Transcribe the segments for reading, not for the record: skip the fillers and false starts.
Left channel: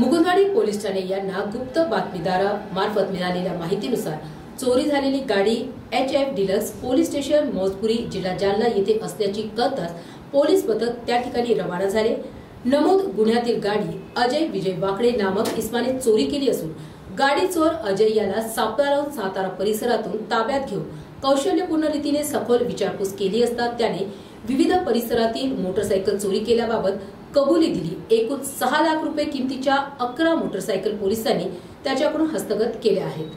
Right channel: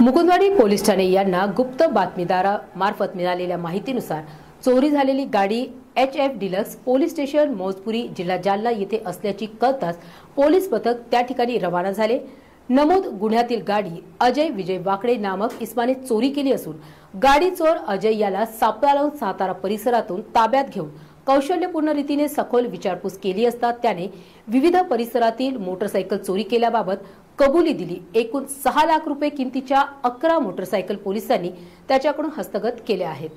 Mukundwadi police Thane यांना गुप्त बातमीदारामार्फत मिळालेल्या माहितीनुसार चोरी झालेली गाडी HF डिलक्स पोलीस स्टेशन मोजपुरी जिल्हा जालना येथे असल्याची कळताच पोलीस पथक त्या ठिकाणी रवाना झाले। नमूद गुन्ह्यातील गाडी अजय विजय वाकडे नामक इसमाने चोरी केली असून गाडी चोर अजय याला सापळावून सातारा परिसरातून ताब्यात घेऊन कौशल्यपूर्ण रीतीने सखोल विचारपूस केली असता त्याने विविध परिसरातील मोटरसायकल चोरी केल्याबाबत कबुली दिली। एकूण 6 लाख रुपये किमतीच्या 11 मोटरसायकल पोलिसांनी त्याच्याकडून हस्तगत केल्या आहेत।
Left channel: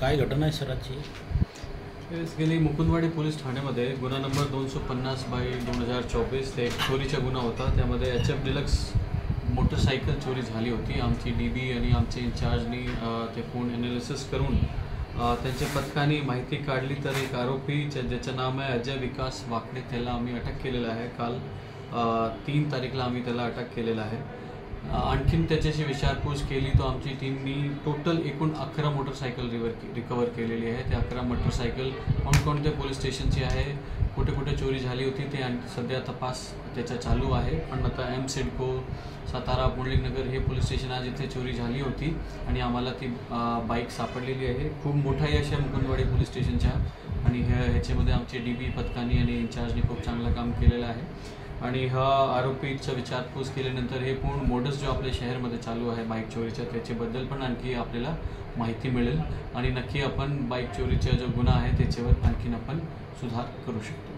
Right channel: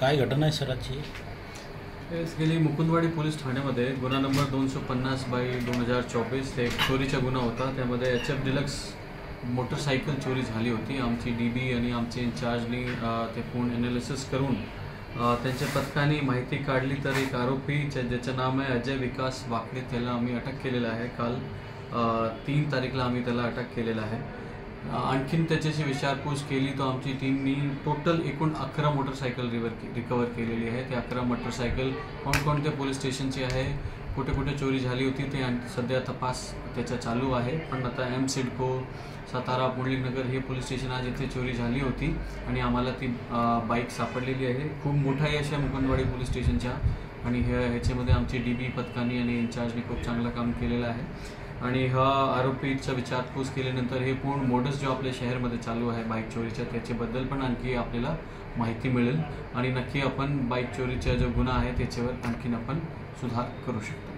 काय घटना आहे सराची? गेली मुकुंदवाडी पोलीस ठाण्यामध्ये गुन्हा नंबर 250/2024 एक चोरीचा गुन्हा होता। त्यामध्ये HF डिलक्स मोटरसायकल चोरी झाली होती। आमची DB आणि आमचे इंचार्जनी ते फोन एनालिसिस करून त्यांच्या पथकाने माहिती काढली तर एक आरोपी ज्याचं नाव आहे अजय विकास वाकडे त्याला आम्ही अटक केलेला आहे। काल 3 तारीखला आम्ही त्याला अटक केलेला आहे। आणखीन त्याच्याशी विचारपूस केली तर आमची टीमनी टोटल एकूण 11 मोटरसायकल रिकवर केलेली आहे। ते 11 मोटरसायकल कोणकोणत्या पोलीस स्टेशनची आहे, कुठे कुठे चोरी झाली होती ते सध्या तपास त्याचा चालू आहे। पण आता M सिडको सातारा मुरलीनगर हे पोलीस स्टेशन आहे जिथे चोरी झाली होती आणि आम्हाला ती बाईक सापडलेली आहे। खूप मोठा यश आहे मुकुंदवाडी पोलीस स्टेशनच्या आणि ह्याच्यामध्ये आमची DB पथकानी आणि इंचार्जनी खूप चांगलं काम केलेलं आहे। आणि हा आरोपीचा विचारपूस केल्यानंतर हे पूर्ण मोडस जो आपल्या शहरामध्ये चालू आहे बाईक चोरीचा त्याच्याबद्दल पण आणखी आपल्याला माहिती मिळेल आणि नक्की आपण बाईक चोरीचा जो गुन्हा आहे त्याच्यावर आणखीन आपण सुधार करू शकतो।